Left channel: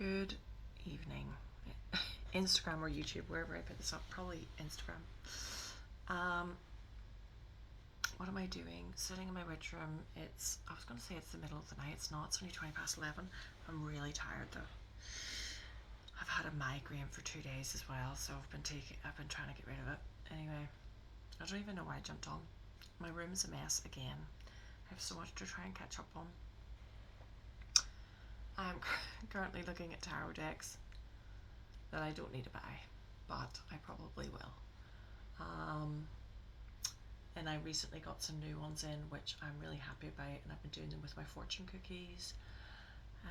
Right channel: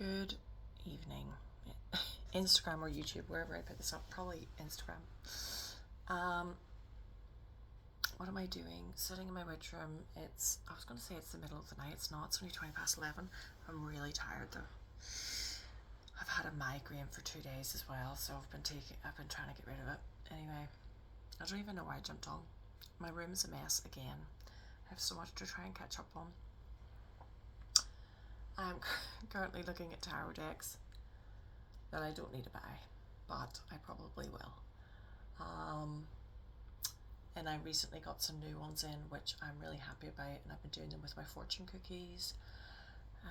Good evening. Instagram or YouTube, wherever I put this up, probably Instagram. What am I doing? Sitting in my bedroom. I was going to say it's the middle of the night. It's not. It's only 20 past 11. I'm really tired though. I've had a migraine for 2 days as well, so I've been trying to get rid of it. Anyway, I don't even know why I jumped on. My room's a mess again. I have so much to try and catch up on. I'm currently looking at tarot decks that I don't need to buy, but I probably will. And I recently got some new ones in, which I'm really happy about, and I've been doing them with my fortune cookies,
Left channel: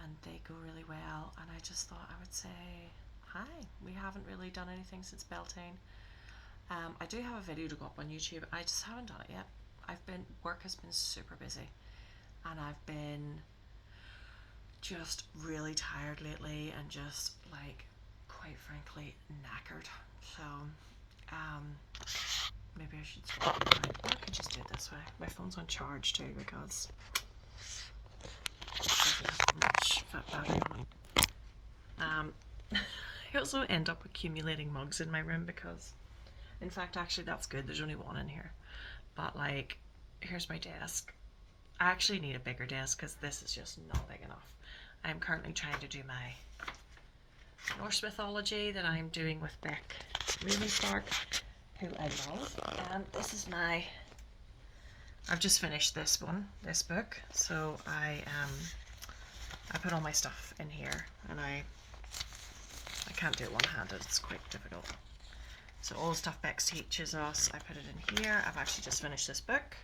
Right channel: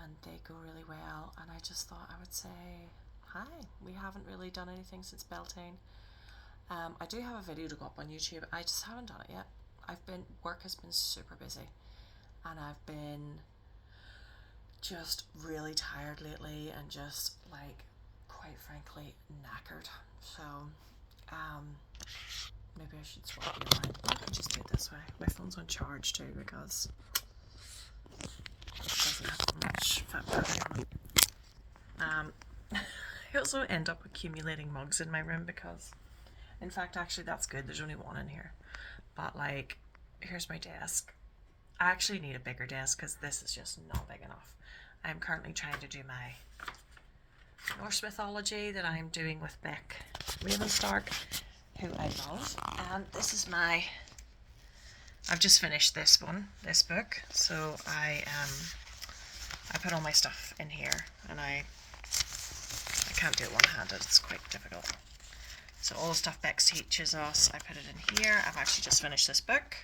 and they go really well. And I just thought I would say hi. We haven't really done anything since Beltane. I do have a video to go up on YouTube. I just haven't done it yet. Work has been super busy, and I've been just really tired lately, and just like, quite frankly, knackered. So maybe I should swap it around. Or I can just do it this way. My phone's on charge too, because it doesn't have much fat battery on it. I also end up accumulating mugs in my room because, in fact, actually that's good. There's only one in here. But like, here's my desk. I actually need a bigger desk because this is just not big enough. I'm currently trying to do my Norse mythology that I'm doing with Beck Ravenstark, who I love. And this is I've just finished this book. So I put all my stuff in here, and I can't do it one-handed. It's quite difficult. So all the stuff Bex teaches us, I put it in here. I've actually just finished this book.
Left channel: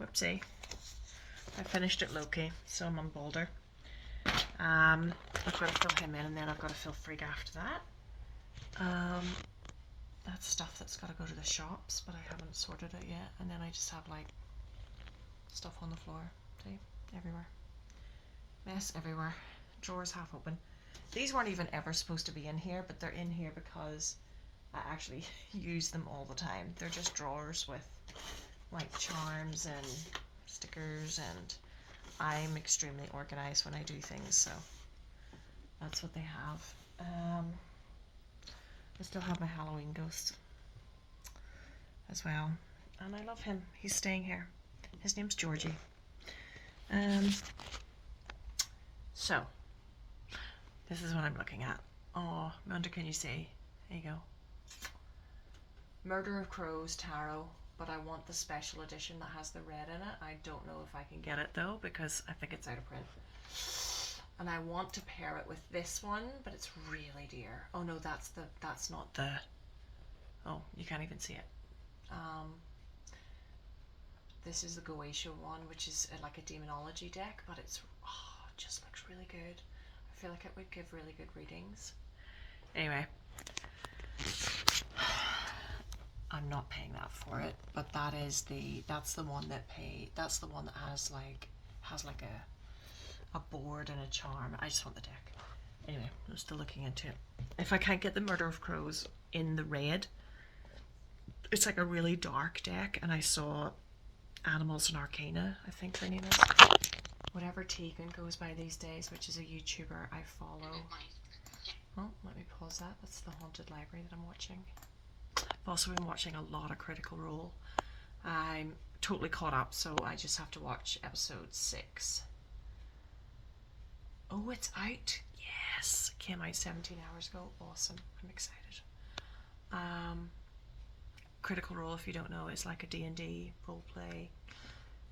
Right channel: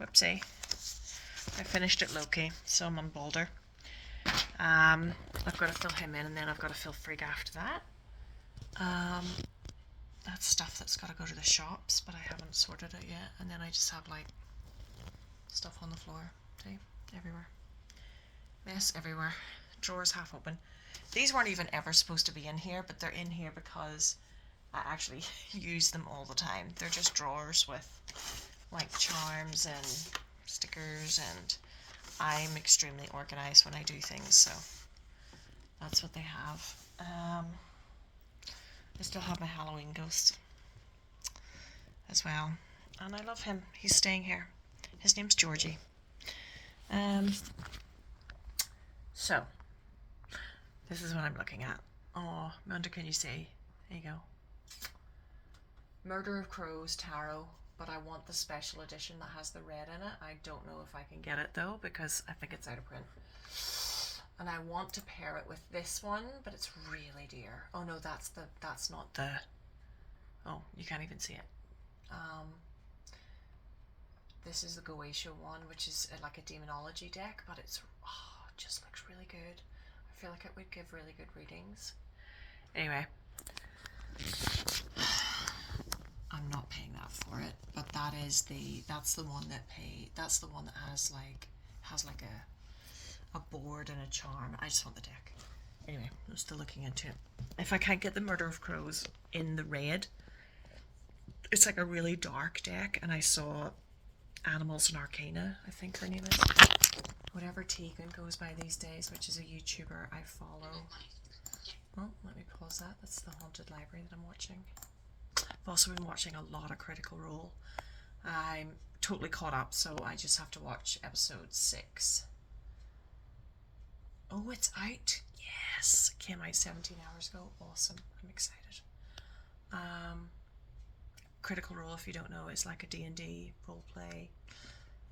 Whoopsie. I finished it Loki, so I'm on Balder. I've got to fill him in, and then I've got to fill Frigg after that. That's stuff that's got to go to the shops, but I haven't sorted it yet. And then I just have like stuff on the floor. See? Everywhere. Mess everywhere. Drawers half open. These weren't even ever supposed to be in here, but they're in here because I actually use them all the time. They're just drawers with like charms and stickers, and I'm extremely organized when I do things, so that's what they have. I still have my Halloween ghost as well, and I love him. He's staying here. His name's Georgie. So this is what I'm looking at. Oh, Munda, can you see? There you go. Murder of Crows Tarot, but I want the special edition that has the red in it. I don't know if I can get it though, because I think it's out of print. And I want to pair it with this one, but it's really dear. Oh no, that's not the, oh, you can't even see it. This is the Goetia one, which is like a demonology deck, but it just looks really good. I feel like it would give really good readings. Anyway, I'm not paying that for it, but that's the one that has like a board and a charm. I just want the deck. Anyway, I'm still looking into it. If I can't get the Murder of Crows in the red, it's like a really dark deck, and I saw Animals and Arcana, I think her name is. Whatever Tegan goes by these days, which is a YouTuber I follow. Oh, let me pause that. That's the Haunted Library that I'm watching. I've also been watching a lot of Critical Role. I'm totally caught up, so I just have to watch episode 6. Oh, it's out. Yes, it came out 17 hours ago. Awesome. I'm excited. Critical Role, if you don't know, is like a D&D roleplay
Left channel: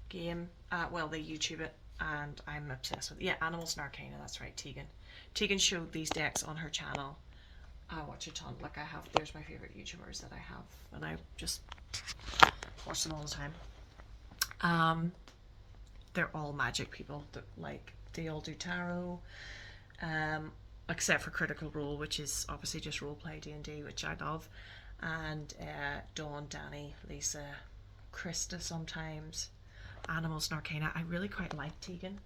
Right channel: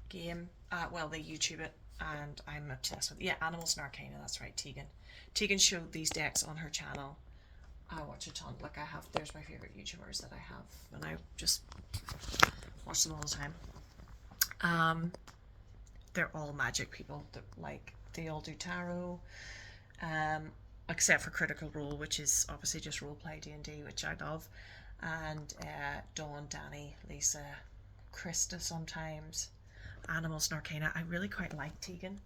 game. Well, they YouTube it, and I'm obsessed with it. Yeah, Animals and Arcana, that's right, Tegan. Tegan showed these decks on her channel. I watch a ton. Like, there's my favorite YouTubers that I have, and I just watch them all the time. They're all magic people. They all do tarot, except for Critical Role, which is obviously just roleplay D&D, which I love. And Dawn, Danny, Lisa, Krista sometimes. Animals and Arcana. I really quite like Tegan.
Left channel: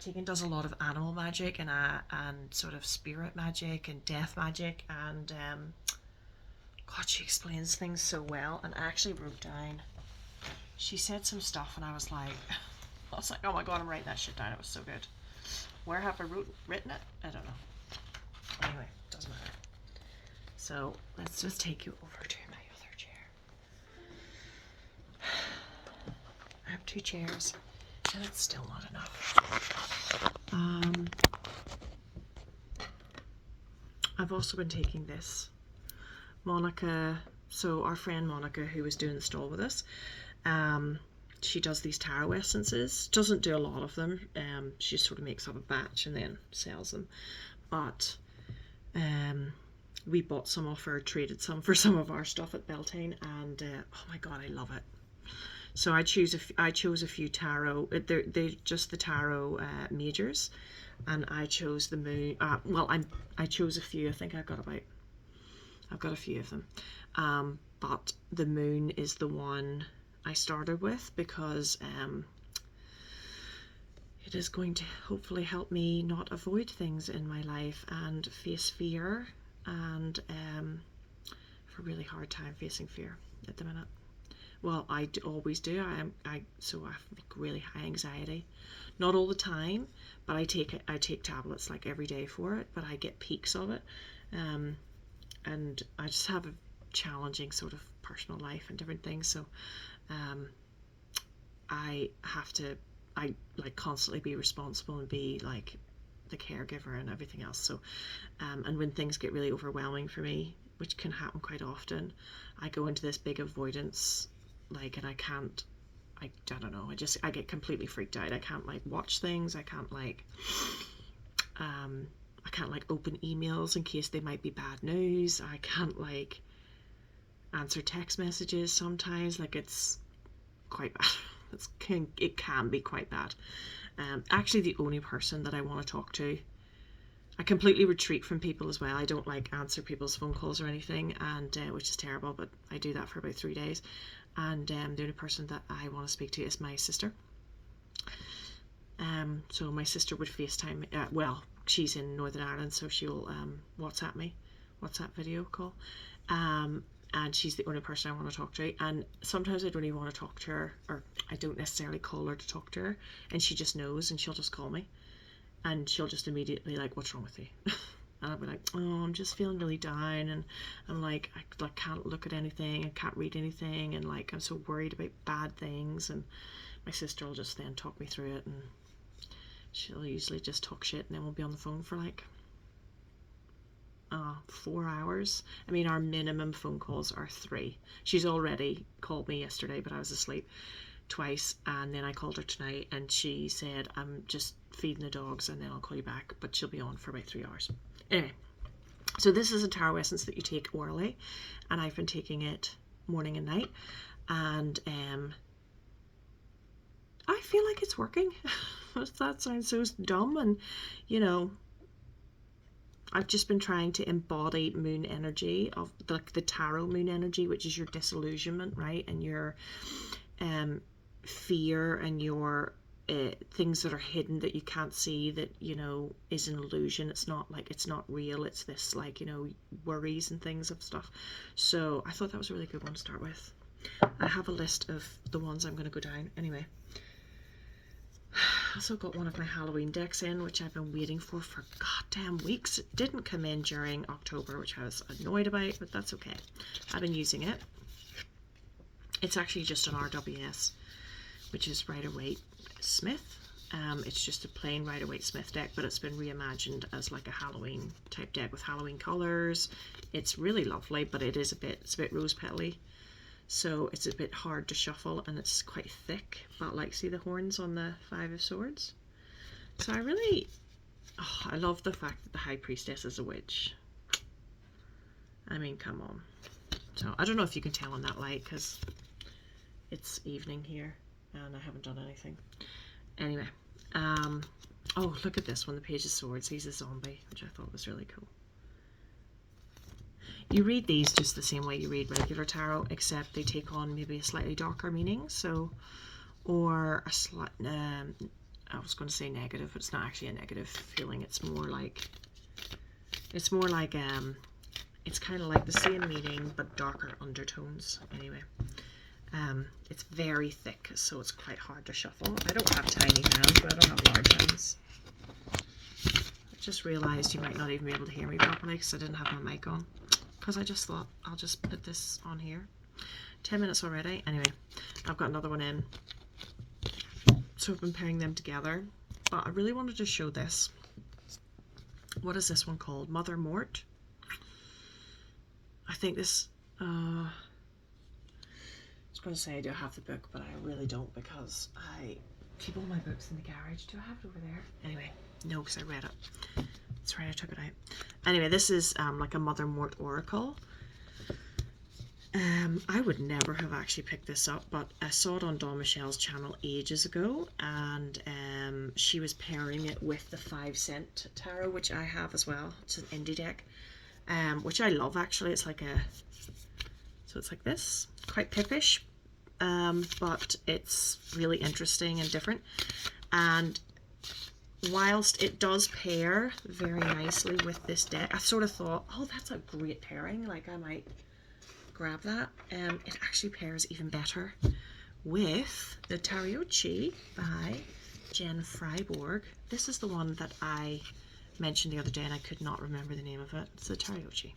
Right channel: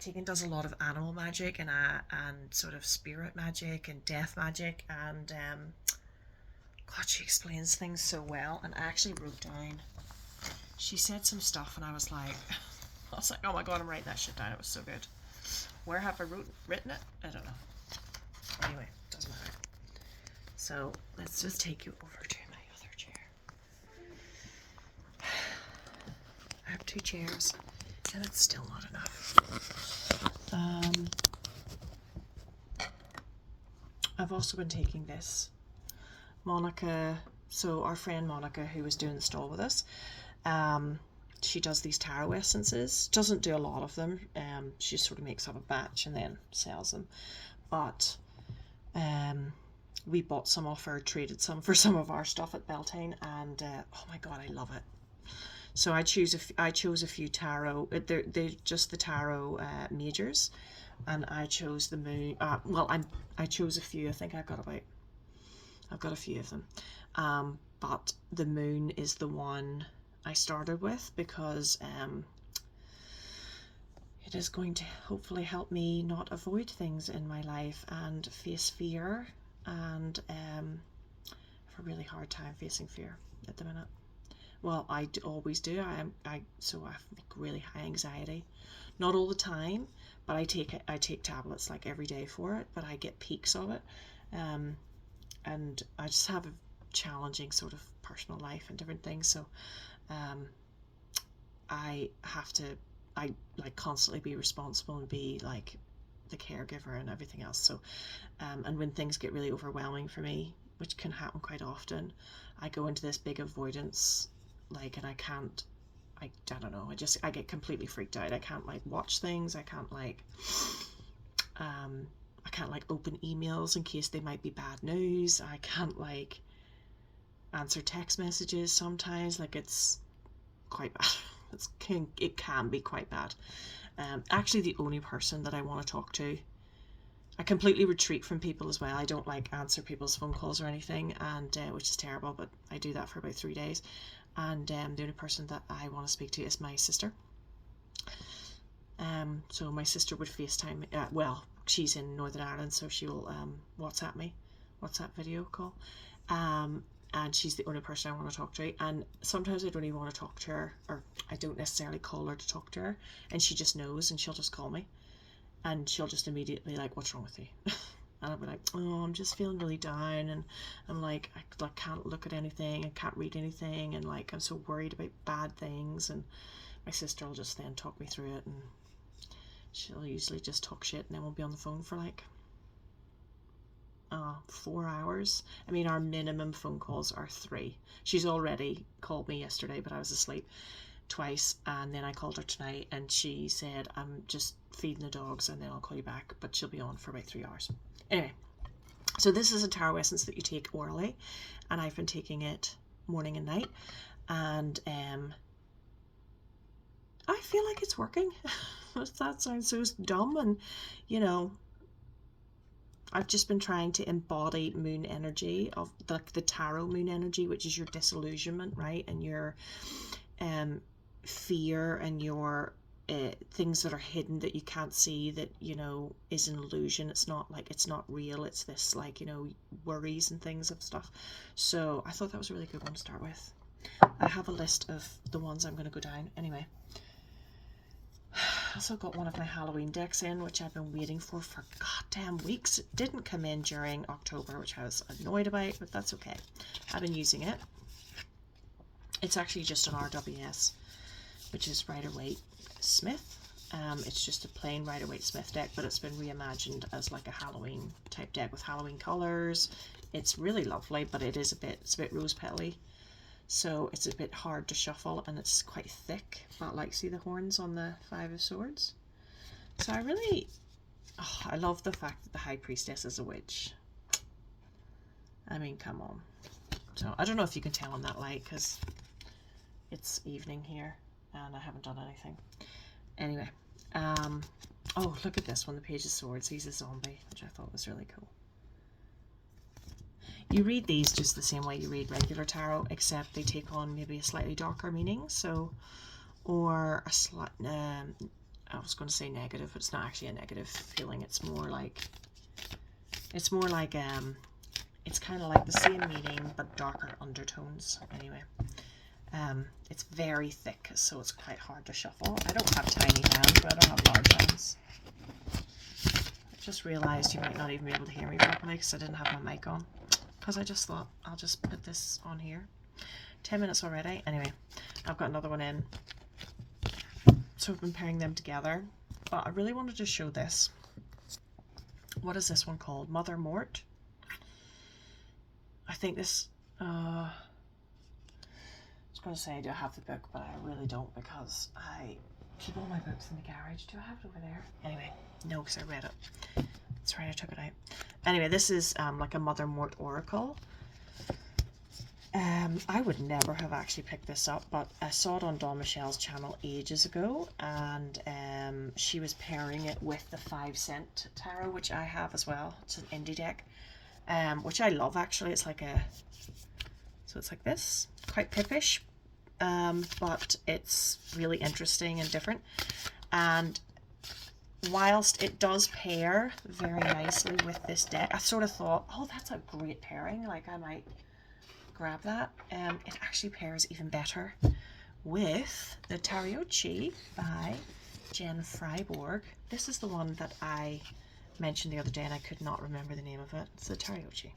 Tegan does a lot of animal magic and sort of spirit magic and death magic, and God, she explains things so well. And I actually wrote down, she said some stuff, and I was like, oh my God, I'm writing that shit down. It was so good. Where have I written it? I don't know. Anyway, doesn't matter. So let's just take you over to my other chair. I have 2 chairs, and it's still not enough. I've also been taking this. Monica, so our friend Monica, who was doing the stall with us, she does these tarot essences. Doesn't do a lot of them. She sort of makes up a batch and then sells them. But we bought some off her, traded some for some of our stuff at Beltane, and oh my god, I love it. So I chose a few tarot. They're just the tarot majors, and I chose the moon. Well, I chose a few. I think I've got a few of them. But the moon is the one I started with because it is going to hopefully help me not avoid things in my life and face fear. And I have a really hard time facing fear at the minute. Well, I always do. So I have like really high anxiety. Not all the time, but I take tablets like every day for it. But I get peaks of it, and I just have a challenging sort of personal life and different things. So I have to like constantly be responsible and be like the caregiver and everything else. So and when things get really overwhelming for me, which can happen quite often, I go into this big avoidance. Like, and I don't know, I get completely freaked out. I can't like watch things. I can't like open emails in case they might be bad news. I can't like answer text messages sometimes. Like, it's quite bad. It can be quite bad. Actually, the only person that I want to talk to, I completely retreat from people as well. I don't like answer people's phone calls or anything, and which is terrible, but I do that for about 3 days. And the only person that I want to speak to is my sister. So my sister would FaceTime. Well, she's in Northern Ireland, so she'll WhatsApp me, WhatsApp video call. And she's the only person I want to talk to. And sometimes I don't even want to talk to her, or I don't necessarily call her to talk to her, and she just knows, and she'll just call me, and she'll just immediately like, "What's wrong with you?" And I'll be like, "Oh, I'm just feeling really down," and I'm like, I can't look at anything, I can't read anything, and like I'm so worried about bad things. And my sister will just then talk me through it, and she'll usually just talk shit, and then we'll be on the phone for like 4 hours. I mean, our minimum phone calls are 3. She's already called me yesterday, but I was asleep, twice, and then I called her tonight, and she said, "I'm just feeding the dogs and then I'll call you back," but she'll be on for about 3 hours. Anyway, so this is a tarot essence that you take orally, and I've been taking it morning and night, and I feel like it's working. That sounds so dumb, and you know, I've just been trying to embody moon energy, of the tarot moon energy, which is your disillusionment, right, and your fear and your things that are hidden that you can't see, that you know is an illusion. It's not real. It's this like, you know, worries and things of stuff. So I thought that was a really good one to start with. I have a list of the ones I'm going to go down anyway. I also got one of my Halloween decks in, which I've been waiting for goddamn weeks. It didn't come in during October, which I was annoyed about, but that's okay. I've been using it. It's actually just an RWS, which is Rider-Waite Smith. It's just a plain Rider-Waite Smith deck, but it's been reimagined as like a Halloween type deck with Halloween colors. It's really lovely, but it's a bit rose petally, so it's a bit hard to shuffle, and it's quite thick. But like, see the horns on the 5 of Swords? So I love the fact that the High Priestess is a witch. I mean, come on. So I don't know if you can tell in that light because it's evening here and I haven't done anything. Anyway, oh, look at this one, the Page of Swords. He's a zombie, which I thought was really cool. You read these just the same way you read regular tarot, except they take on maybe a slightly darker meaning. So, or a slight, I was going to say negative, but it's not actually a negative feeling. It's more like, it's kind of like the same meaning, but darker undertones. Anyway, it's very thick, so it's quite hard to shuffle. I don't have tiny hands, but I don't have large hands. Just realised you might not even be able to hear me properly because I didn't have my mic on. Because I just thought I'll just put this on here. 10 minutes already. Anyway, I've got another one in. So I've been pairing them together. But I really wanted to show this. What is this one called? Mother Mort. I think this... I was going to say I do have the book, but I really don't because I keep all my books in the garage. Do I have it over there? Anyway, no, because I read it. That's right, I took it out. Anyway, this is like a Mother Mort oracle. I would never have actually picked this up, but I saw it on Dawn Michelle's channel ages ago, and she was pairing it with the 5-cent tarot, which I have as well. It's an indie deck, which I love actually. It's like so it's like this, quite pippish, but it's really interesting and different. And whilst it does pair very nicely with this deck, I sort of thought, oh, that's a great pairing, like I might grab that. It actually pairs even better with the Tariochi by Jen Freiborg. This is the one that I mentioned the other day and I could not remember the name of it. It's the Tariochi.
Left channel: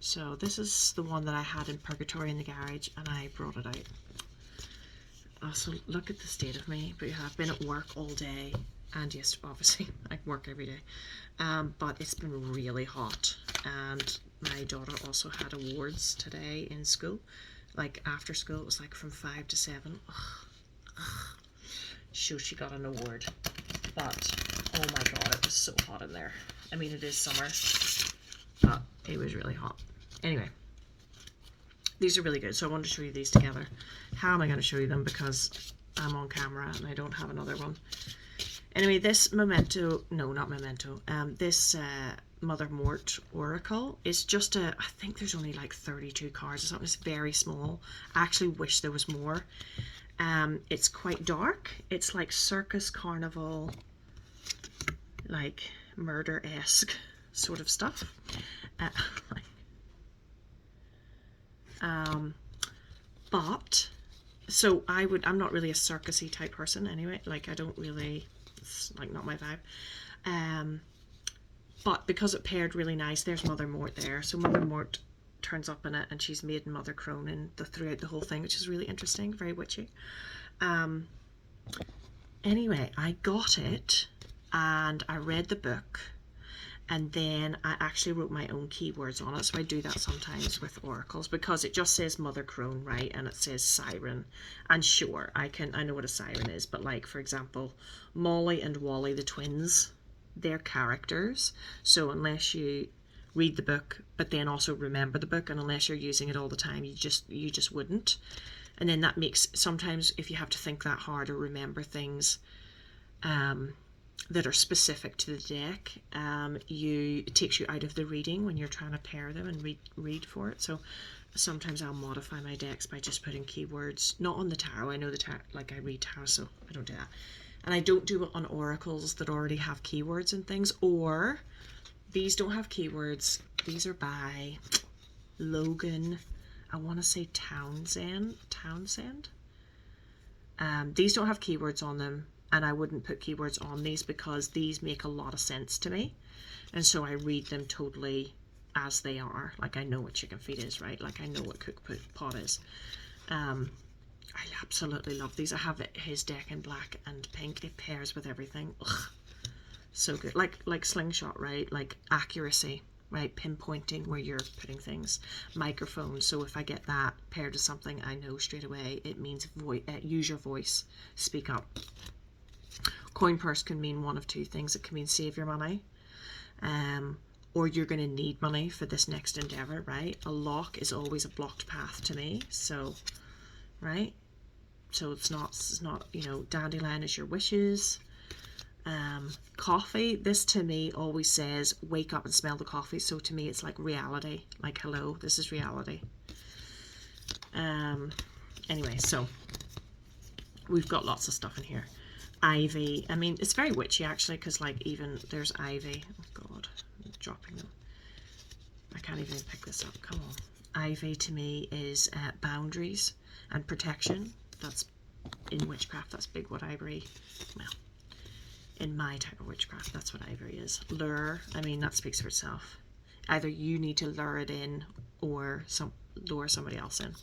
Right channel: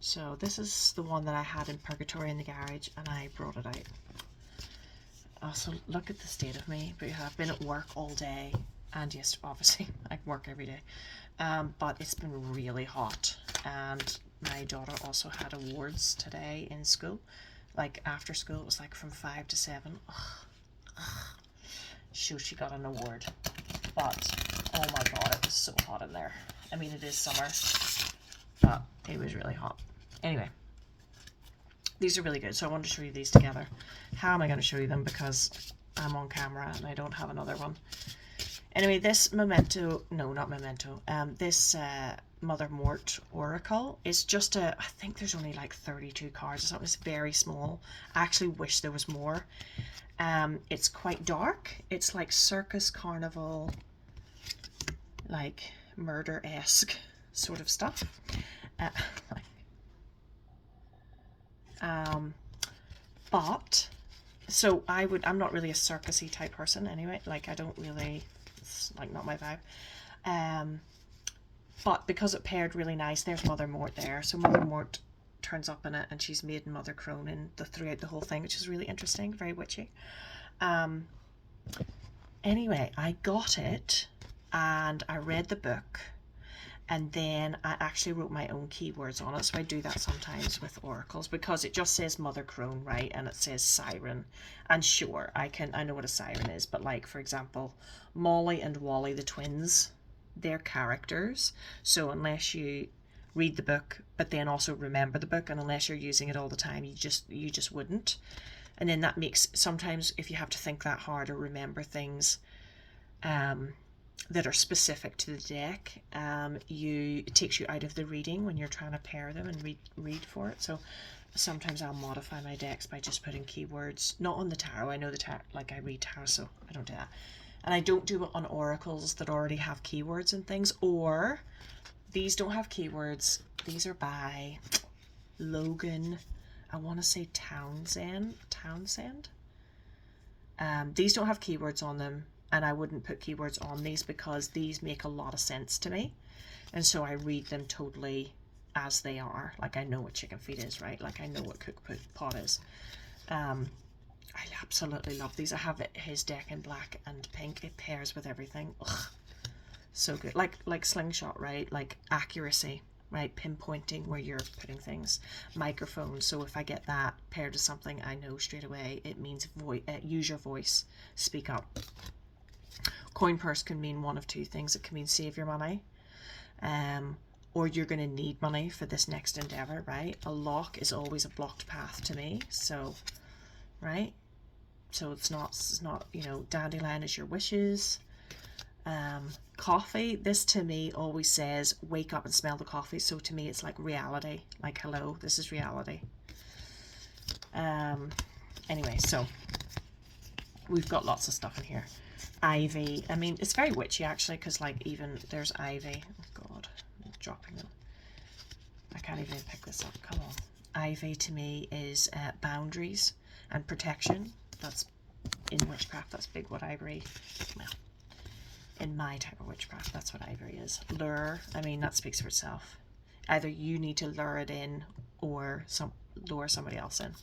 So this is the one that I had in Purgatory in the garage and I brought it out. So look at the state of me. But I've been at work all day, and yes, obviously I work every day, but it's been really hot, and my daughter also had awards today in school, like after school. It was like from 5 to 7. So she got an award, but oh my god, it was so hot in there. I mean, it is summer, but it was really hot. Anyway, these are really good, so I wanted to show you these together. How am I going to show you them? Because I'm on camera and I don't have another one. Anyway, this memento, no, not memento, this Mother Mort oracle is just I think there's only like 32 cards or something. It's very small. I actually wish there was more. It's quite dark. It's like circus carnival, like murder-esque sort of stuff. But so I'm not really a circusy type person anyway. Like I don't really, it's like not my vibe. But because it paired really nice, there's Mother Mort there. So Mother Mort turns up in it, and she's made Mother Cronin throughout the whole thing, which is really interesting, very witchy. Anyway, I got it and I read the book, and then I actually wrote my own keywords on it. So I do that sometimes with oracles, because it just says Mother Crone, right? And it says siren. And sure, I know what a siren is, but like, for example, Molly and Wally, the twins, they're characters. So unless you read the book, but then also remember the book, and unless you're using it all the time, you just wouldn't. And then that makes, sometimes if you have to think that hard or remember things, that are specific to the deck, it takes you out of the reading when you're trying to pair them and read for it. So sometimes I'll modify my decks by just putting keywords, not on the tarot. I know the tarot, like I read tarot, so I don't do that. And I don't do it on oracles that already have keywords and things, or these don't have keywords. These are by Logan, I want to say Townsend. These don't have keywords on them, and I wouldn't put keywords on these because these make a lot of sense to me, and so I read them totally as they are. Like I know what chicken feet is, right? Like I know what cook pot is. I absolutely love these. I have his deck in black and pink. It pairs with everything. Ugh, so good. Like slingshot, right? Like accuracy, right? Pinpointing where you're putting things. Microphone. So if I get that paired to something, I know straight away it means use your voice. Speak up. Coin purse can mean one of two things. It can mean save your money, or you're going to need money for this next endeavor, right? A lock is always a blocked path to me. So, right? So it's not, you know, dandelion is your wishes. Coffee, this to me always says wake up and smell the coffee. So to me it's like reality, like hello, this is reality. Anyway, so we've got lots of stuff in here. Ivy, I mean, it's very witchy actually, because like even there's ivy. Oh god, I'm dropping them. I can't even pick this up. Come on. Ivy to me is boundaries and protection. That's in witchcraft, that's big wood ivory. Well, in my type of witchcraft, that's what ivory is. Lure, I mean, that speaks for itself. Either you need to lure it in or lure somebody else in.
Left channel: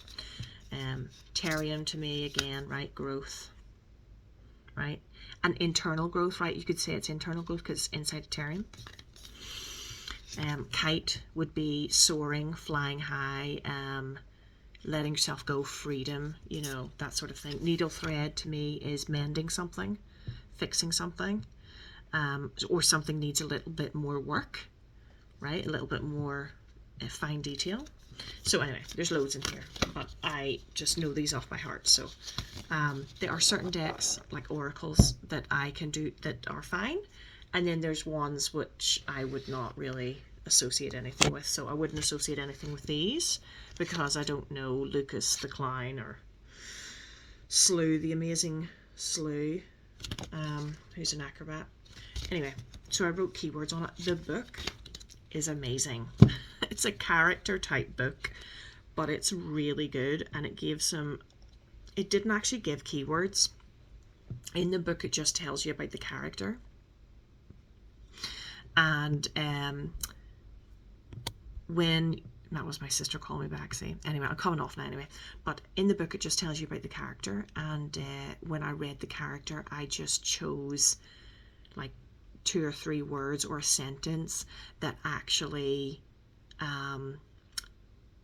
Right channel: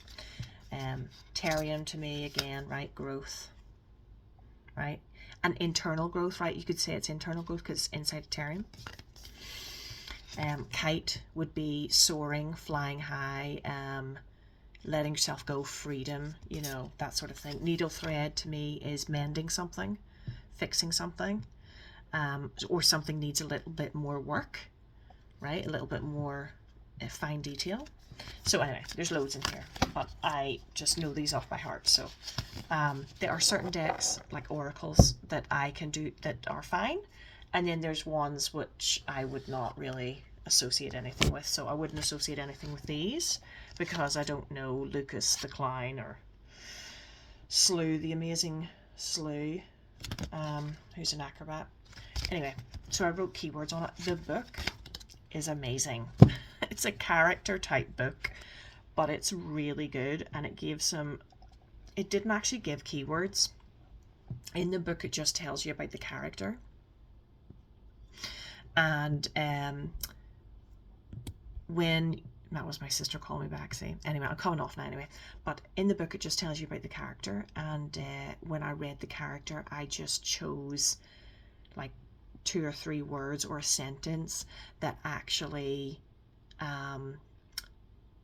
Terrium to me, again, right, growth, right? And internal growth, right? You could say it's internal growth because it's inside a terrium. Kite would be soaring, flying high, letting yourself go, freedom, you know, that sort of thing. Needle thread to me is mending something, fixing something, or something needs a little bit more work, right? A little bit more fine detail. So anyway, there's loads in here, but I just know these off by heart. So there are certain decks, like oracles, that I can do that are fine. And then there's ones which I would not really associate anything with. So I wouldn't associate anything with these because I don't know Lucas the Clown or Slew, the amazing Slew, who's an acrobat. Anyway, so I wrote keywords on it. The book is amazing. It's a character type book, but it's really good, and it gave some, it didn't actually give keywords. In the book it just tells you about the character. And when, that was my sister calling me back, see, anyway, I'm coming off now anyway, but in the book it just tells you about the character, and when I read the character I just chose like 2 or 3 words or a sentence that actually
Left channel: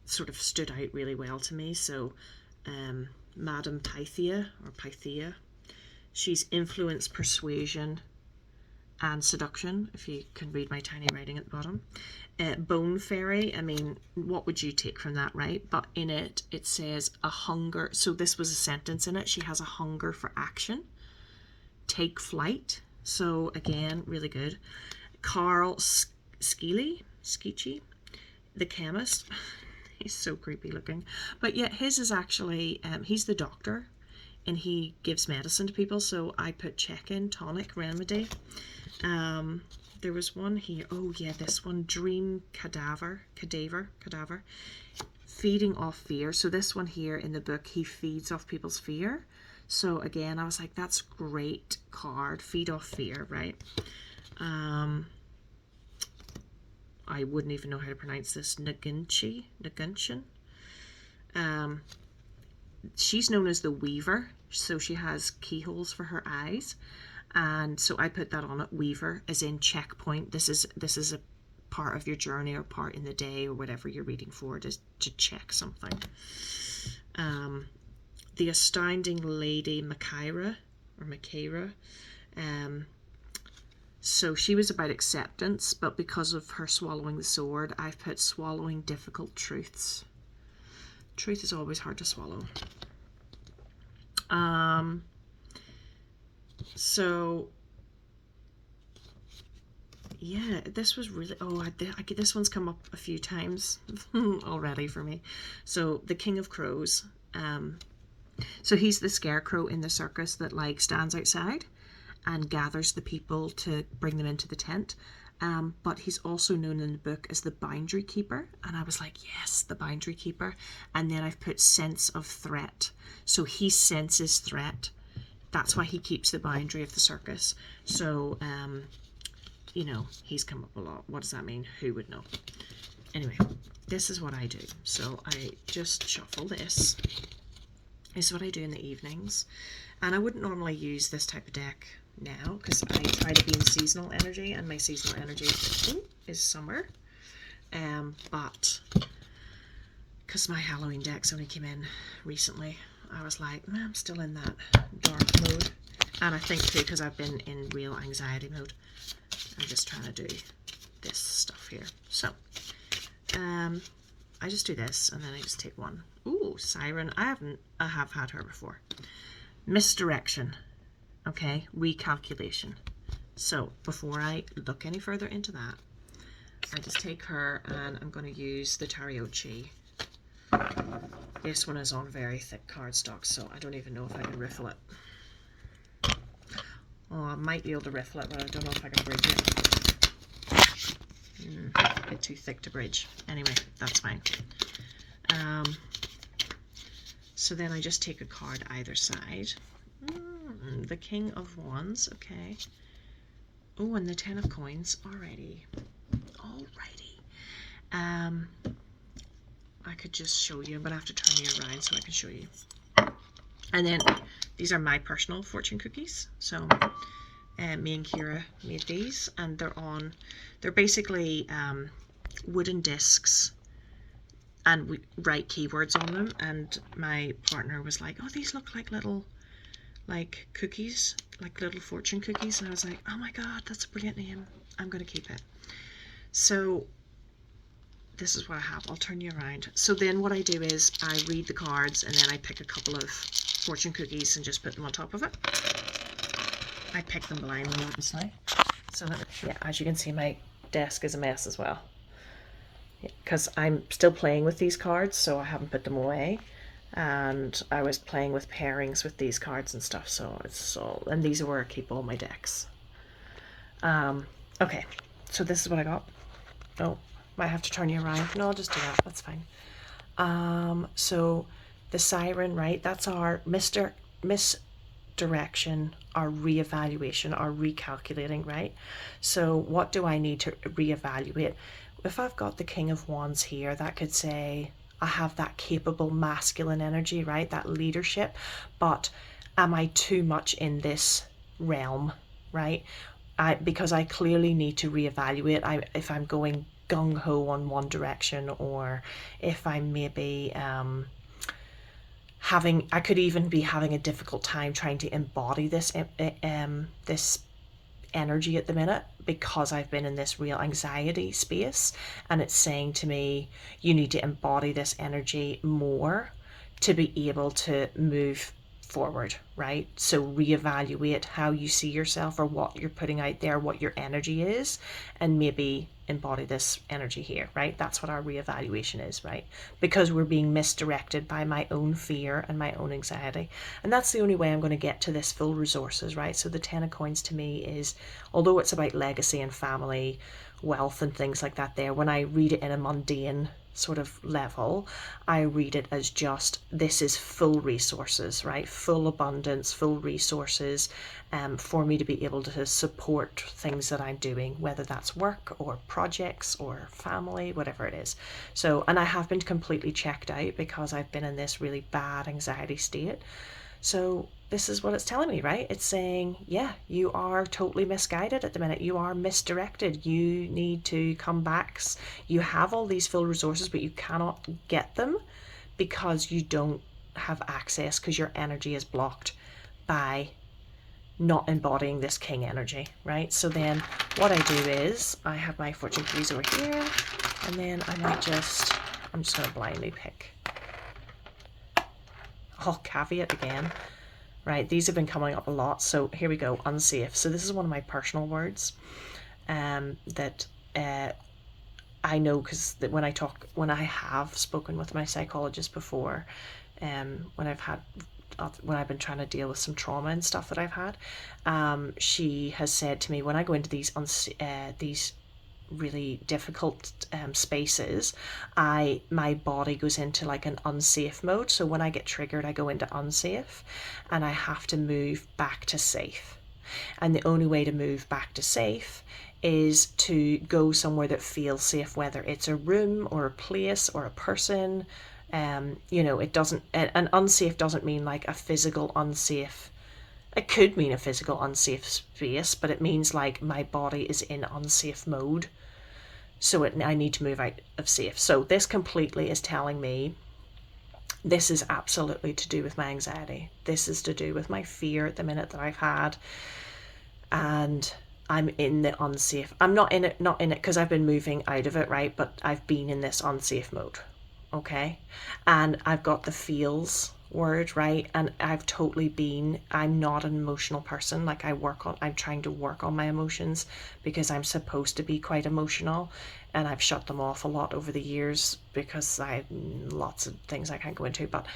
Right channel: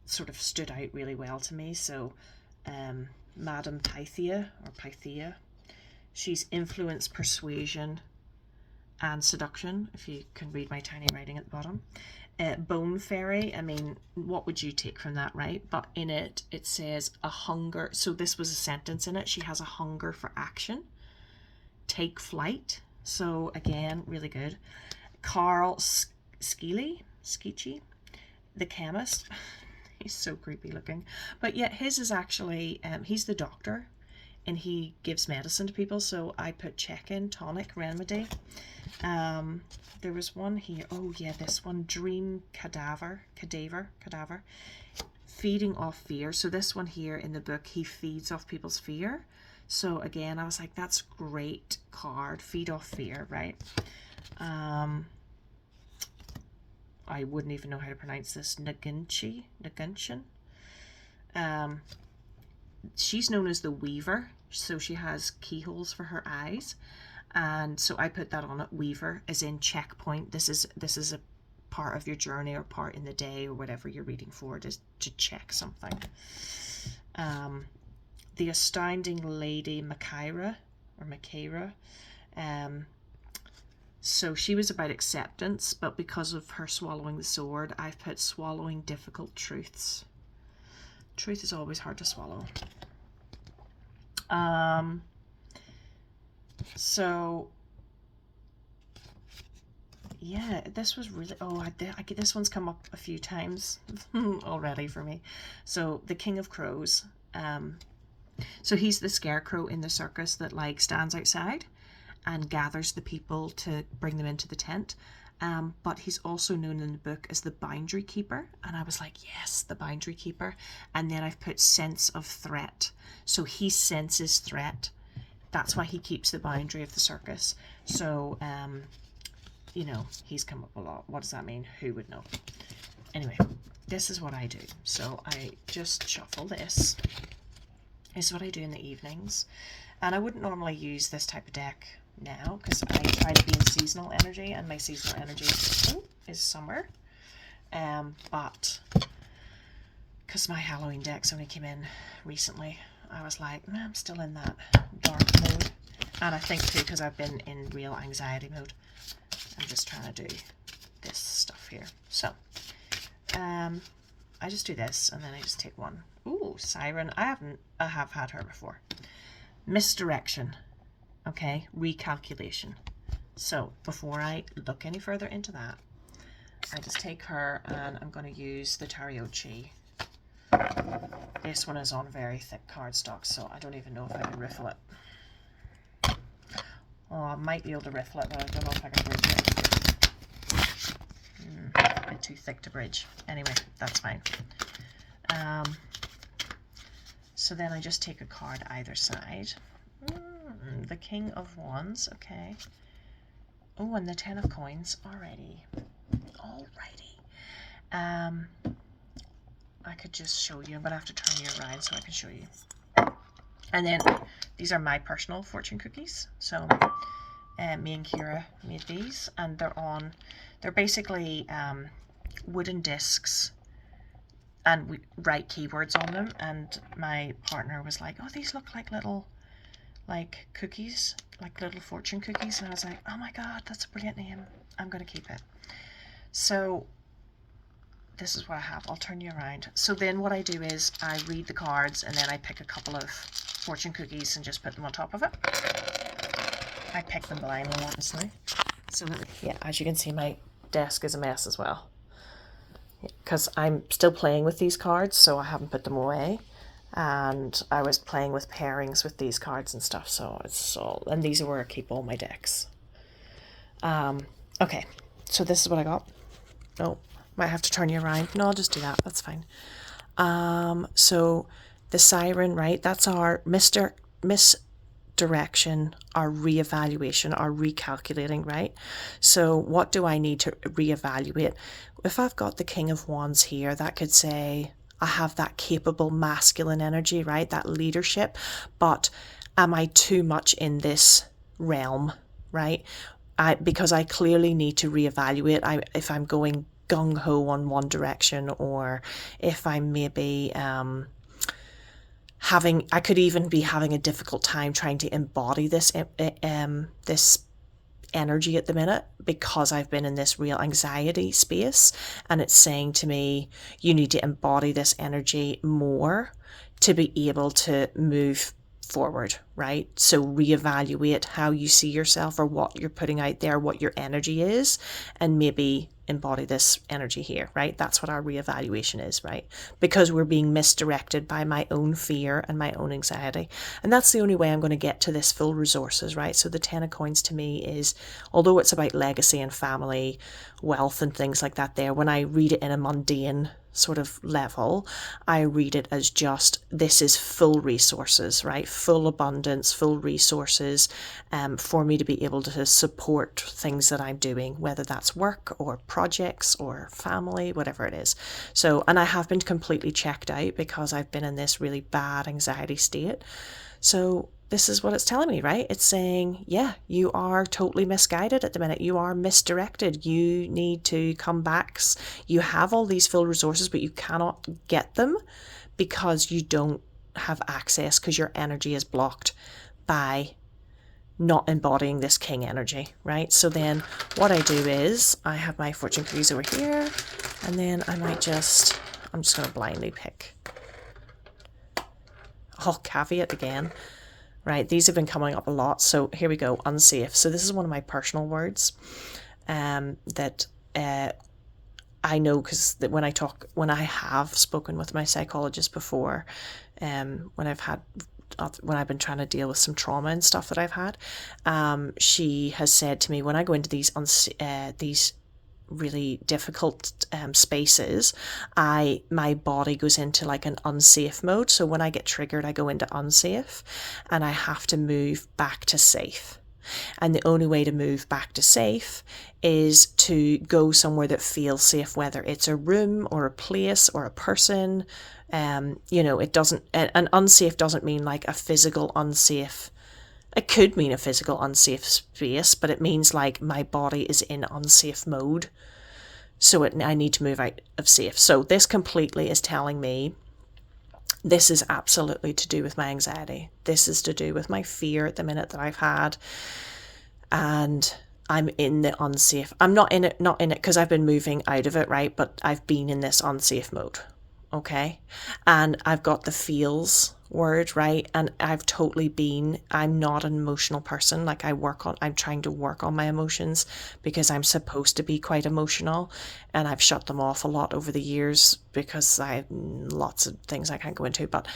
sort of stood out really well to me. So Madame Pythia, or Pythia, she's influence, persuasion and seduction, if you can read my tiny writing at the bottom. Bone fairy, I mean, what would you take from that, right? But in it, it says a hunger, so this was a sentence in it, she has a hunger for action. Take flight, so again, really good. Carl Skeely, the chemist, he's so creepy looking, but yet his is actually, he's the doctor and he gives medicine to people, so I put check-in, tonic, remedy. There was one here, oh yeah, this one, dream cadaver, feeding off fear. So this one here in the book, he feeds off people's fear. So again, I was like, that's great card, feed off fear, right? I wouldn't even know how to pronounce this. Nagunchin. She's known as the Weaver, so she has keyholes for her eyes, and so I put that on it. Weaver, as in checkpoint. This is a part of your journey or part in the day or whatever you're reading for, to check something. The Astounding Lady Machaira, so she was about acceptance, but because of her swallowing the sword, I've put swallowing difficult truths. Truth is always hard to swallow. So yeah, this was really, this one's come up a few times already for me. So the King of Crows, so he's the scarecrow in the circus that like stands outside and gathers the people to bring them into the tent. But he's also known in the book as the boundary keeper, and I was like, yes, the boundary keeper. And then I've put sense of threat, so he senses threat. That's why he keeps the boundary of the circus. So you know, he's come up a lot. What does that mean? Who would know? Anyway, this is what I do. So I just shuffle this. This is what I do in the evenings, and I wouldn't normally use this type of deck now because I try to be in seasonal energy, and my seasonal energy is summer, but because my Halloween decks only came in recently, I was like, I'm still in that dark mode, and I think too because I've been in real anxiety mode. I'm just trying to do this stuff here. So I just do this, and then I just take one. Ooh, Siren. I have had her before. Misdirection. Okay, recalculation. So before I look any further into that, I just take her and I'm going to use the Tariochi. This one is on very thick cardstock, so I don't even know if I can riffle it. Oh, I might be able to riffle it, but I don't know if I can bridge it. A bit too thick to bridge. Anyway, that's fine. So then I just take a card either side. The King of Wands, okay. Oh, and the 10 of coins. Alrighty. I could just show you. I'm going to have to turn you around so I can show you. And then these are my personal fortune cookies. So me and Kira made these, and they're basically wooden discs, and we write keywords on them. And my partner was like, oh, these look like little cookies, like little fortune cookies. And I was like, oh my god, that's a brilliant name. I'm going to keep it. So this is what I have. I'll turn you around. So then what I do is I read the cards, and then I pick a couple of fortune cookies and just put them on top of it. I pick them blindly, obviously. So yeah, as you can see, my desk is a mess as well, because I'm still playing with these cards, so I haven't put them away. And I was playing with pairings with these cards and stuff, so it's all, and these are where I keep all my decks. Okay, so this is what I got. Oh, might have to turn you around. No, I'll just do that. That's fine. So the siren, right? That's our misdirection, our reevaluation, our recalculating, right? So what do I need to reevaluate? If I've got the King of Wands here, that could say I have that capable masculine energy, right? That leadership. But am I too much in this realm, right? Because I clearly need to reevaluate if I'm going gung-ho on one direction, or if I'm maybe I could even be having a difficult time trying to embody this this energy at the minute, because I've been in this real anxiety space, and it's saying to me, you need to embody this energy more to be able to move forward, right? So reevaluate how you see yourself, or what you're putting out there, what your energy is, and maybe embody this energy here, right? That's what our reevaluation is, right? Because we're being misdirected by my own fear and my own anxiety. And that's the only way I'm going to get to this full resources, right? So the 10 of coins to me is, although it's about legacy and family, wealth and things like that there, when I read it in a mundane sort of level, I read it as just, this is full resources, right? Full abundance, full resources, for me to be able to support things that I'm doing, whether that's work or projects or family, whatever it is. So, and I have been completely checked out because I've been in this really bad anxiety state. So this is what it's telling me, right? It's saying, yeah, you are totally misguided at the minute. You are misdirected. You need to come back. You have all these full resources, but you cannot get them because you don't have access, because your energy is blocked by not embodying this king energy, right? So then what I do is I have my fortune cookies over here, and then I'm just going to blindly pick. Oh, caveat again. Right, these have been coming up a lot. So here we go, unsafe. So this is one of my personal words that I know, because when I have spoken with my psychologist before, when I've been trying to deal with some trauma and stuff that I've had, she has said to me, when I go into these really difficult spaces, my body goes into like an unsafe mode. So when I get triggered, I go into unsafe, and I have to move back to safe. And the only way to move back to safe is to go somewhere that feels safe, whether it's a room or a place or a person. It doesn't, an unsafe doesn't mean like a physical unsafe. It could mean a physical unsafe space, but it means like my body is in unsafe mode. So I need to move out of safe. So this completely is telling me this is absolutely to do with my anxiety. This is to do with my fear at the minute that I've had. And I'm in the unsafe. I'm not in it because I've been moving out of it, right? But I've been in this unsafe mode. Okay. And I've got the feels word, right? And I'm not an emotional person. Like I'm trying to work on my emotions, because I'm supposed to be quite emotional, and I've shut them off a lot over the years because I have lots of things I can't go into, but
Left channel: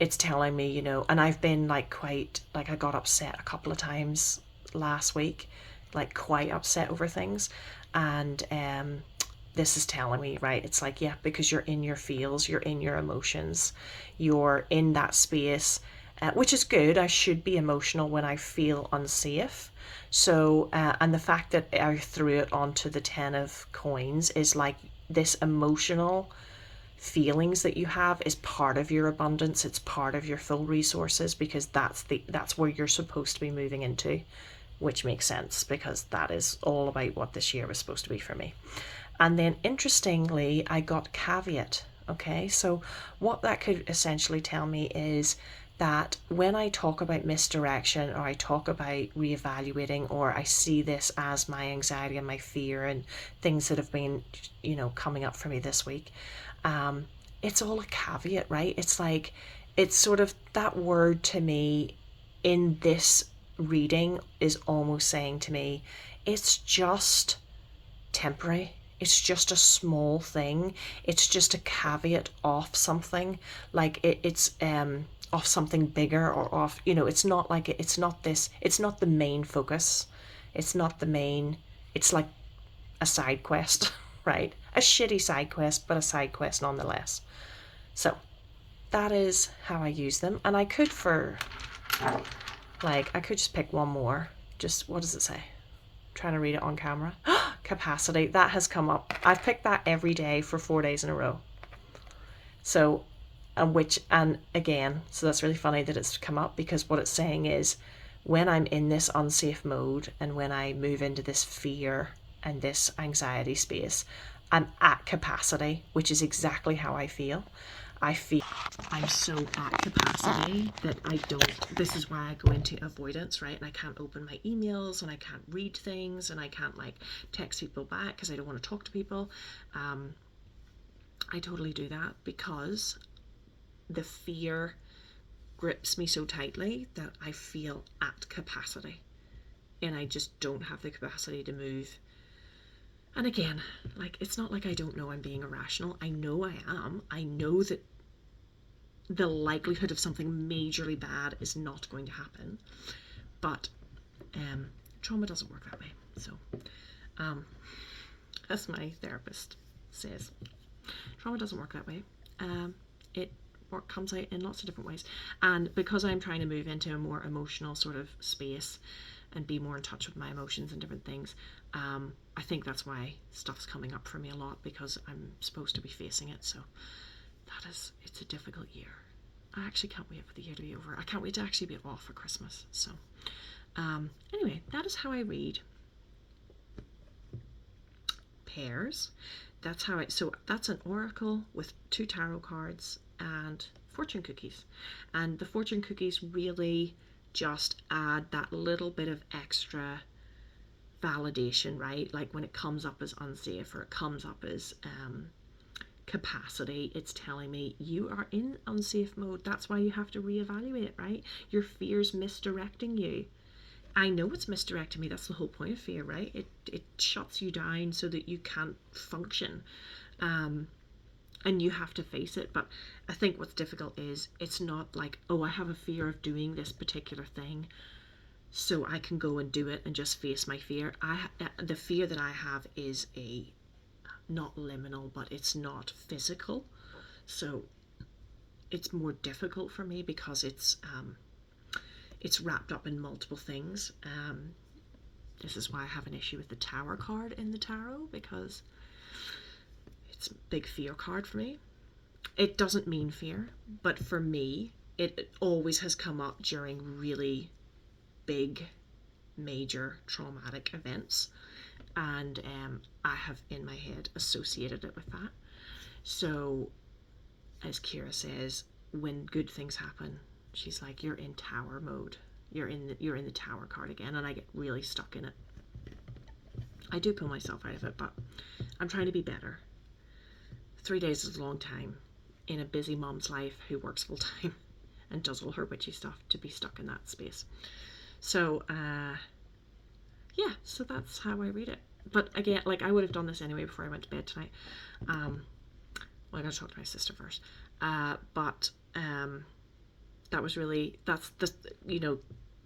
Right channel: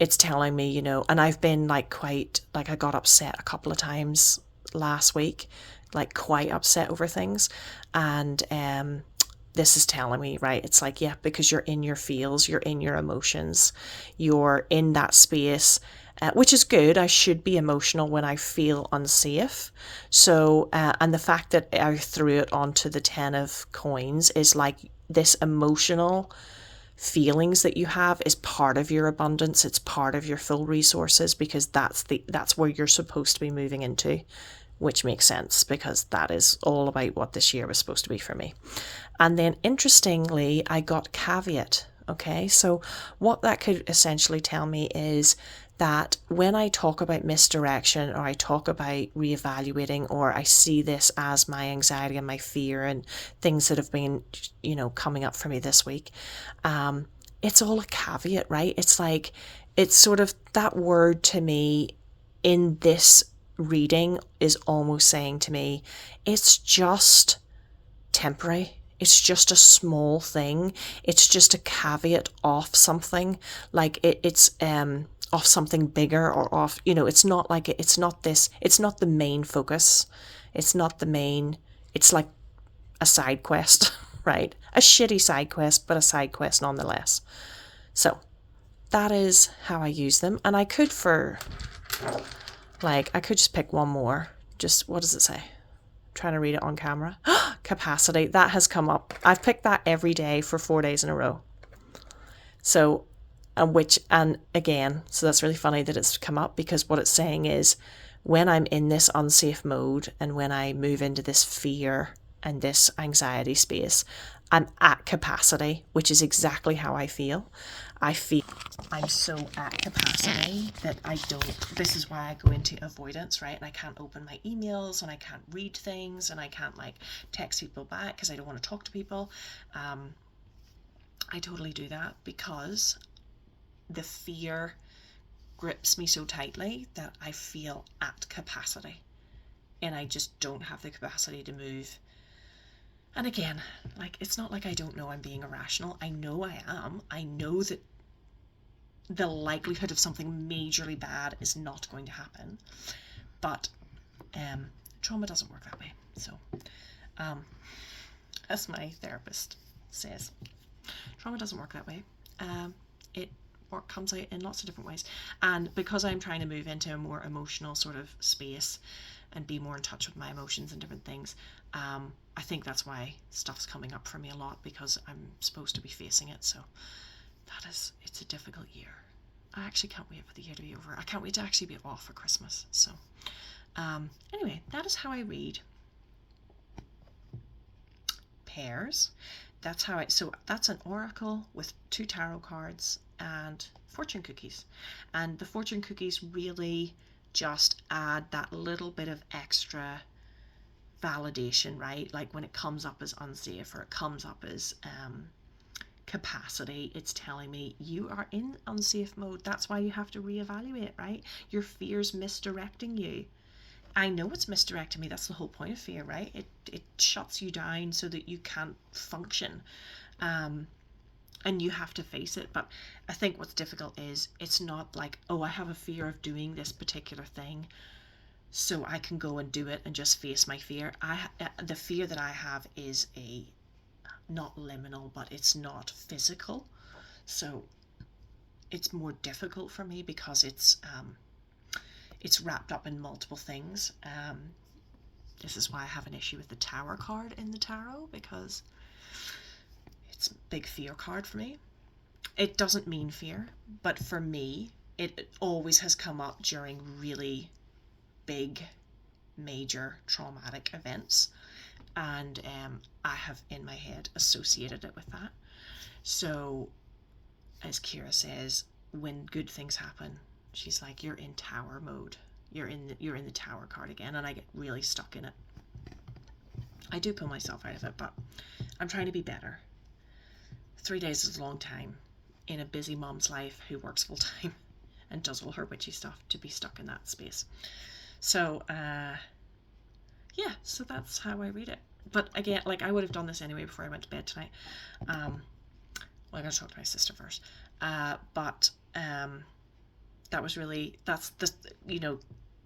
it's telling me, and I've been like quite, like I got upset a couple of times last week, like quite upset over things. And this is telling me, right, it's like, yeah, because you're in your feels, you're in your emotions, you're in that space, which is good. I should be emotional when I feel unsafe. So, and the fact that I threw it onto the 10 of coins is like this emotional feelings that you have is part of your abundance. It's part of your full resources, because that's where you're supposed to be moving into, which makes sense because that is all about what this year was supposed to be for me. And then interestingly, I got caveat. Okay, so what that could essentially tell me is that when I talk about misdirection, or I talk about reevaluating, or I see this as my anxiety and my fear and things that have been, coming up for me this week, it's all a caveat, right? It's like, it's sort of that word to me in this reading is almost saying to me, it's just temporary. It's just a small thing. It's just a caveat off something. Like it's off something bigger, or off, it's not like it's not this, it's not the main focus. It's not the main, it's like a side quest, right? A shitty side quest, but a side quest nonetheless. So that is how I use them. And I could I could just pick one more. Just, what does it say? Trying to read it on camera. Capacity, that has come up. I've picked that every day for 4 days in a row. So, and again, so that's really funny that it's come up, because what it's saying is, when I'm in this unsafe mode and when I move into this fear and this anxiety space, I'm at capacity, which is exactly how I feel. I feel I'm so at capacity that this is why I go into avoidance, right? And I can't open my emails, and I can't read things, and I can't text people back because I don't want to talk to people. I totally do that because the fear grips me so tightly that I feel at capacity, and I just don't have the capacity to move. And again, it's not like I don't know I'm being irrational. I know I am. I know that the likelihood of something majorly bad is not going to happen. But trauma doesn't work that way. So, as my therapist says, trauma doesn't work that way. It comes out in lots of different ways. And because I'm trying to move into a more emotional sort of space and be more in touch with my emotions and different things, I think that's why stuff's coming up for me a lot, because I'm supposed to be facing it. So it's a difficult year. I actually can't wait for the year to be over. I can't wait to actually be off for Christmas. So anyway, that is how I read. Pairs. That's an oracle with 2 tarot cards and fortune cookies. And the fortune cookies really just add that little bit of extra validation, right? Like when it comes up as unsafe, or it comes up as capacity, it's telling me you are in unsafe mode. That's why you have to reevaluate, right? Your fear's misdirecting you. I know it's misdirecting me. That's the whole point of fear, right? It shuts you down so that you can't function, and you have to face it. But I think what's difficult is, it's not like, oh, I have a fear of doing this particular thing, so I can go and do it and just face my fear. The fear that I have is not liminal, but it's not physical. So it's more difficult for me because it's wrapped up in multiple things. This is why I have an issue with the Tower card in the tarot, because it's a big fear card for me. It doesn't mean fear, but for me, it always has come up during really big, major traumatic events, and I have in my head associated it with that. So, as Kira says, when good things happen, she's like, you're in tower mode. You're in the tower card again, and I get really stuck in it. I do pull myself out of it, but I'm trying to be better. 3 days is a long time in a busy mom's life who works full time and does all her witchy stuff, to be stuck in that space. So, yeah, so that's how I read it. But again, I would have done this anyway before I went to bed tonight. Well, I gotta talk to my sister first. But that was really, that's the,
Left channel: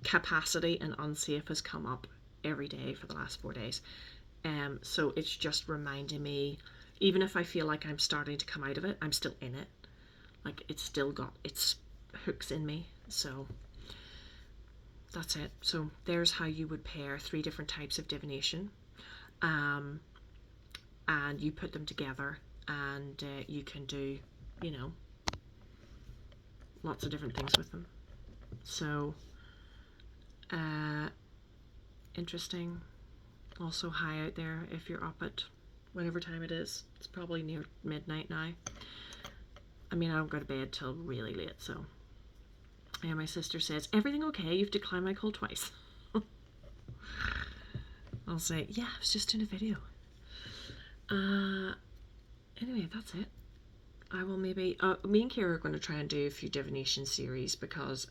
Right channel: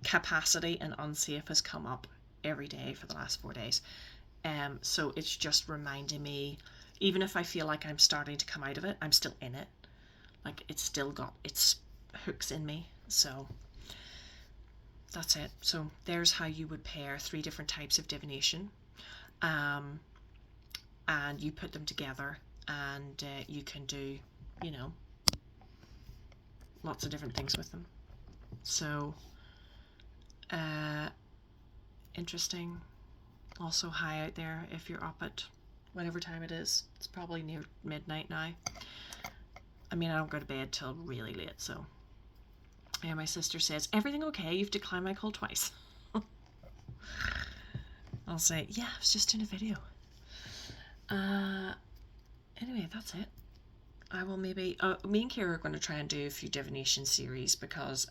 capacity and unsafe has come up every day for the last 4 days. So it's just reminding me, even if I feel like I'm starting to come out of it, I'm still in it. It's still got its hooks in me. So that's it. So there's how you would pair 3 different types of divination, and you put them together, and you can do, you know, lots of different things with them. So interesting. Also high out there if you're up at whatever time it is. It's probably near midnight now. I mean, I don't go to bed till really late, so. Yeah, my sister says, everything okay? You've declined my call twice. I'll say, yeah, I was just doing a video. Anyway, that's it. I will maybe, me and Kira are going to try and do a few divination series, because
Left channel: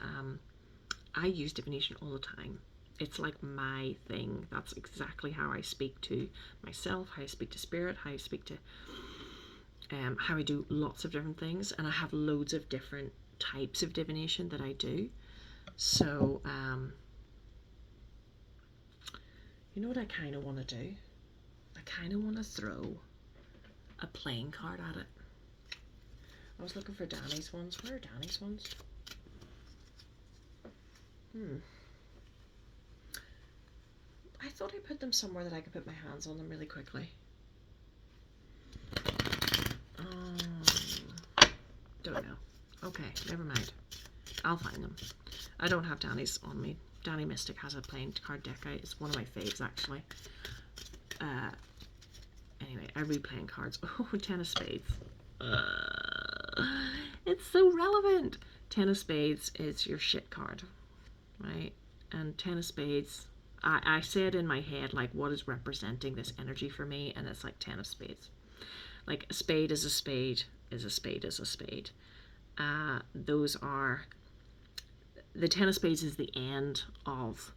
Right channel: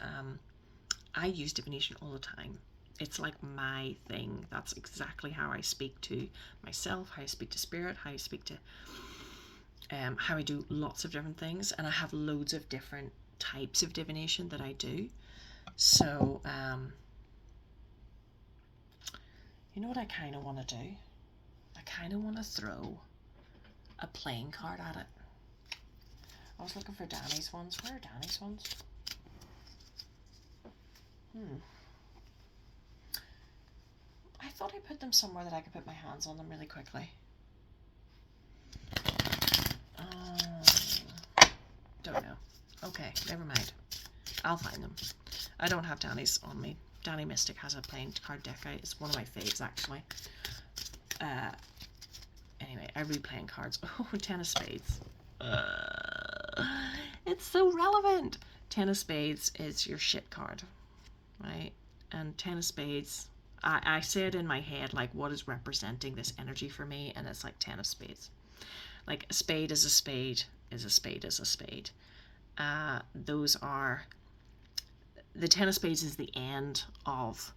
I use divination all the time. It's like my thing. That's exactly how I speak to myself, how I speak to spirit, how I speak to, how I do lots of different things. And I have loads of different types of divination that I do. So, you know what I kind of want to do? I kind of want to throw a playing card at it. I was looking for Danny's ones. Where are Danny's ones? I thought I put them somewhere that I could put my hands on them really quickly. Don't know. Okay, never mind. I'll find them. I don't have Danny's on me. Danny Mystic has a playing card deck. It's one of my faves, actually. Anyway, I read playing cards. Oh, 10 of Spades. It's so relevant. 10 of Spades is your shit card, right? And 10 of Spades, I say it in my head, like, what is representing this energy for me? And it's like 10 of Spades. Like, a spade is a spade is a spade is a spade. Those are, the 10 of Spades is the end of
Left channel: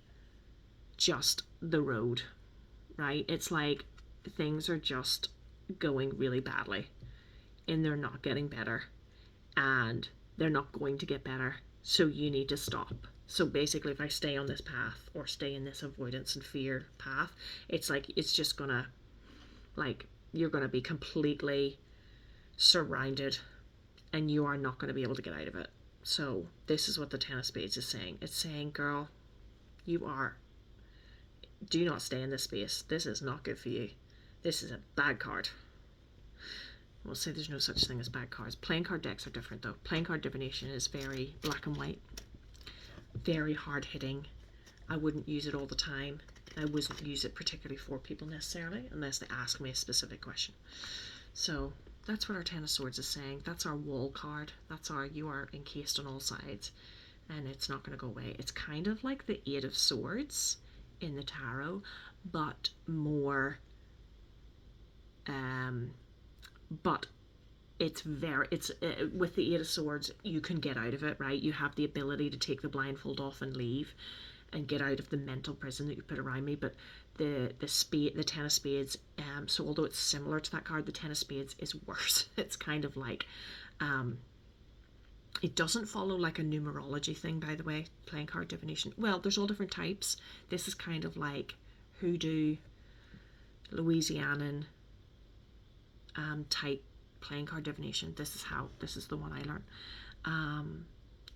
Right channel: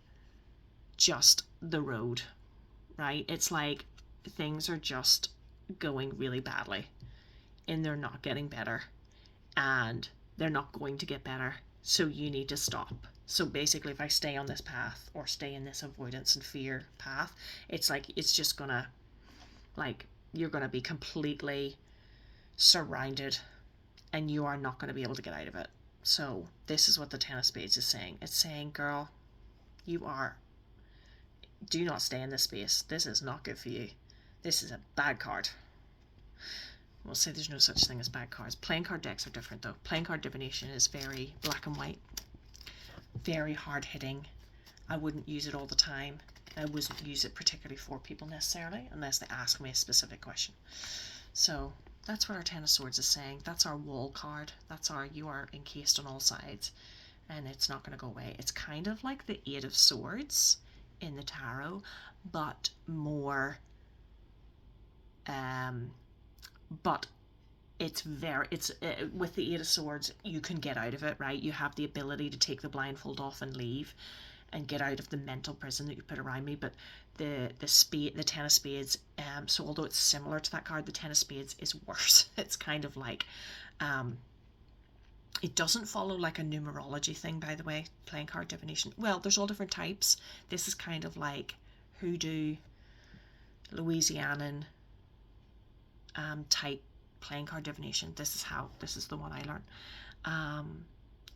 just the road, right? It's like things are just going really badly and they're not getting better, and they're not going to get better, so you need to stop. So basically, if I stay on this path or stay in this avoidance and fear path, it's like, it's just gonna, like, you're gonna be completely surrounded and you are not going to be able to get out of it. So this is what the 10 of Spades is saying. It's saying, girl, do not stay in this space. This is not good for you. This is a bad card. We'll say there's no such thing as bad cards. Playing card decks are different, though. Playing card divination is very black and white, very hard hitting. I wouldn't use it all the time. I wouldn't use it particularly for people necessarily, unless they ask me a specific question. So that's what our 10 of Swords is saying. That's our wall card. That's our, you are encased on all sides and it's not going to go away. It's kind of like the 8 of Swords in the tarot, but more, but it's with the 8 of Swords, you can get out of it, right? You have the ability to take the blindfold off and leave and get out of the mental prison that you put around me. But the 10 of Spades, so although it's similar to that card, the 10 of Spades is worse. It's kind of like, it doesn't follow like a numerology thing, by the way, playing card divination. Well, there's all different types. This is kind of like hoodoo, Louisianan type playing card divination. This is the one I learned.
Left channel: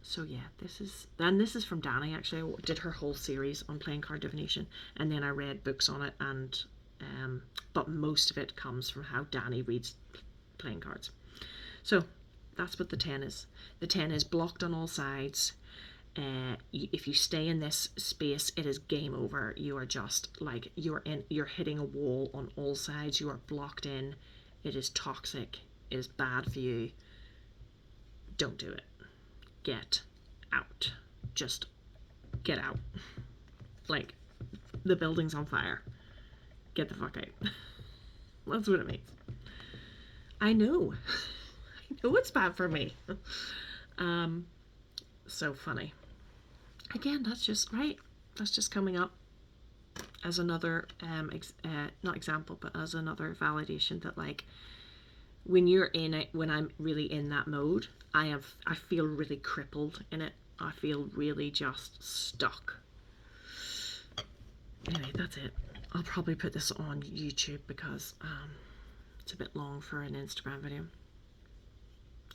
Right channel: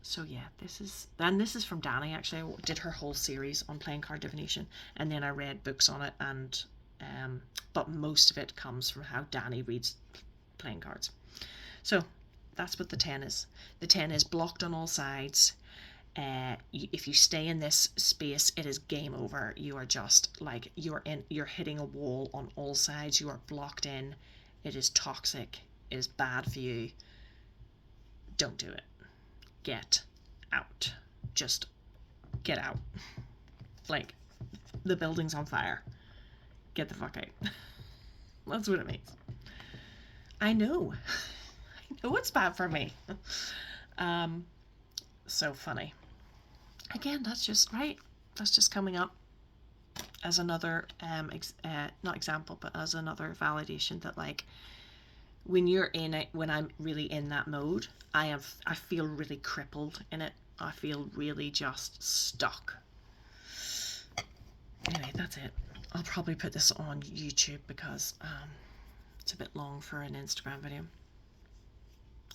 So yeah, this is from Danny. Actually, I did her whole series on playing card divination, and then I read books on it, and but most of it comes from how Danny reads playing cards. So that's what the 10 is. The 10 is blocked on all sides. If you stay in this space, it is game over. You are just like, you're hitting a wall on all sides. You are blocked in. It is toxic. It is bad for you. Don't do it. Get out. Just get out. Like, the building's on fire. Get the fuck out. That's what it means. I know. I know it's bad for me. So funny. Again, that's just right. That's just coming up as another not example, but as another validation that, like, when you're in it, when I'm really in that mode, I feel really crippled in it. I feel really just stuck. Anyway, that's it. I'll probably put this on YouTube because it's a bit long for an Instagram video.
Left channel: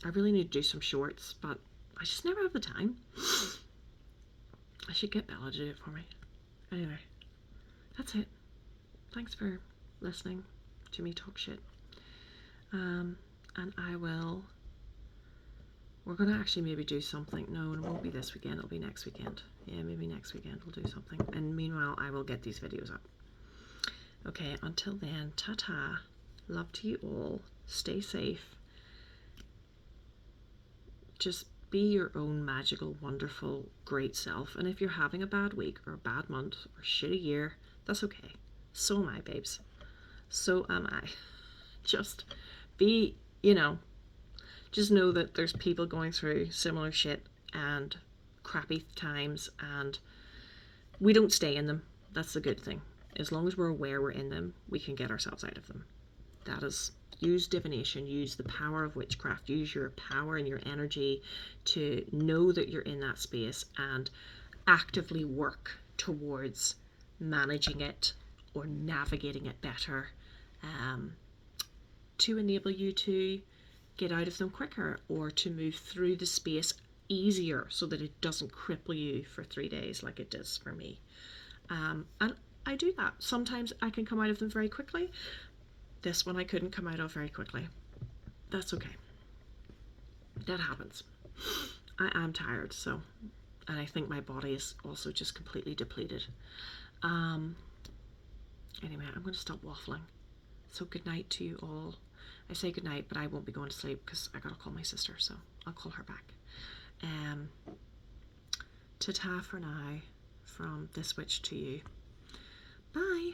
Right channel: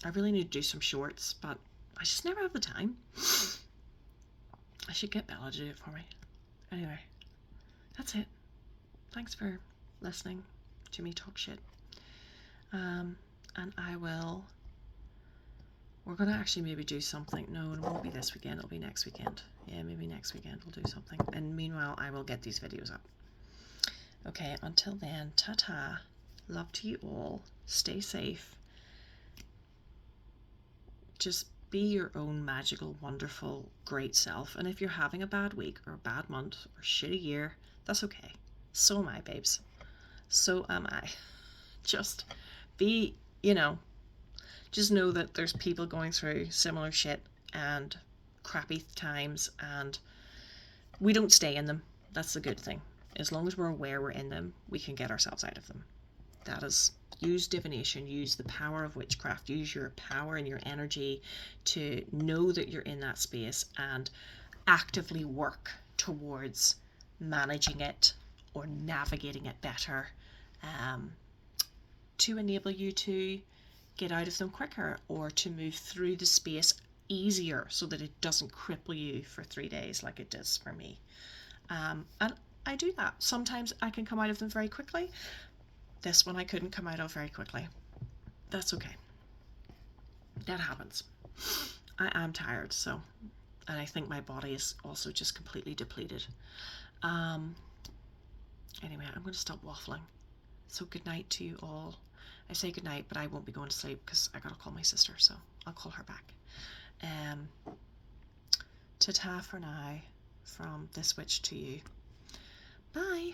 I really need to do some shorts, but I just never have the time. I should get Bella to do it for me. Anyway, that's it. Thanks for listening to me talk shit. And we're going to actually maybe do something. No, it won't be this weekend. It'll be next weekend. Yeah, maybe next weekend we'll do something. And meanwhile, I will get these videos up. Okay, until then, ta-ta. Love to you all. Stay safe. Just be your own magical, wonderful, great self. And if you're having a bad week or a bad month or shitty year, that's okay. So am I, babes. So am I. Just be, just know that there's people going through similar shit and crappy times, and we don't stay in them. That's the good thing. As long as we're aware we're in them, we can get ourselves out of them. That is, use divination, use the power of witchcraft, use your power and your energy to know that you're in that space and actively work towards managing it or navigating it better, to enable you to get out of them quicker or to move through the space easier so that it doesn't cripple you for 3 days like it does for me. And I do that. Sometimes I can come out of them very quickly. This one I couldn't come out of very quickly. That's okay. That happens. I am tired, so, and I think my body is also just completely depleted. Anyway, I'm going to stop waffling. So good night to you all. I say good night, but I won't be going to sleep because I got to call my sister, so I'll call her back. Ta-ta for now from this witch to you. Bye.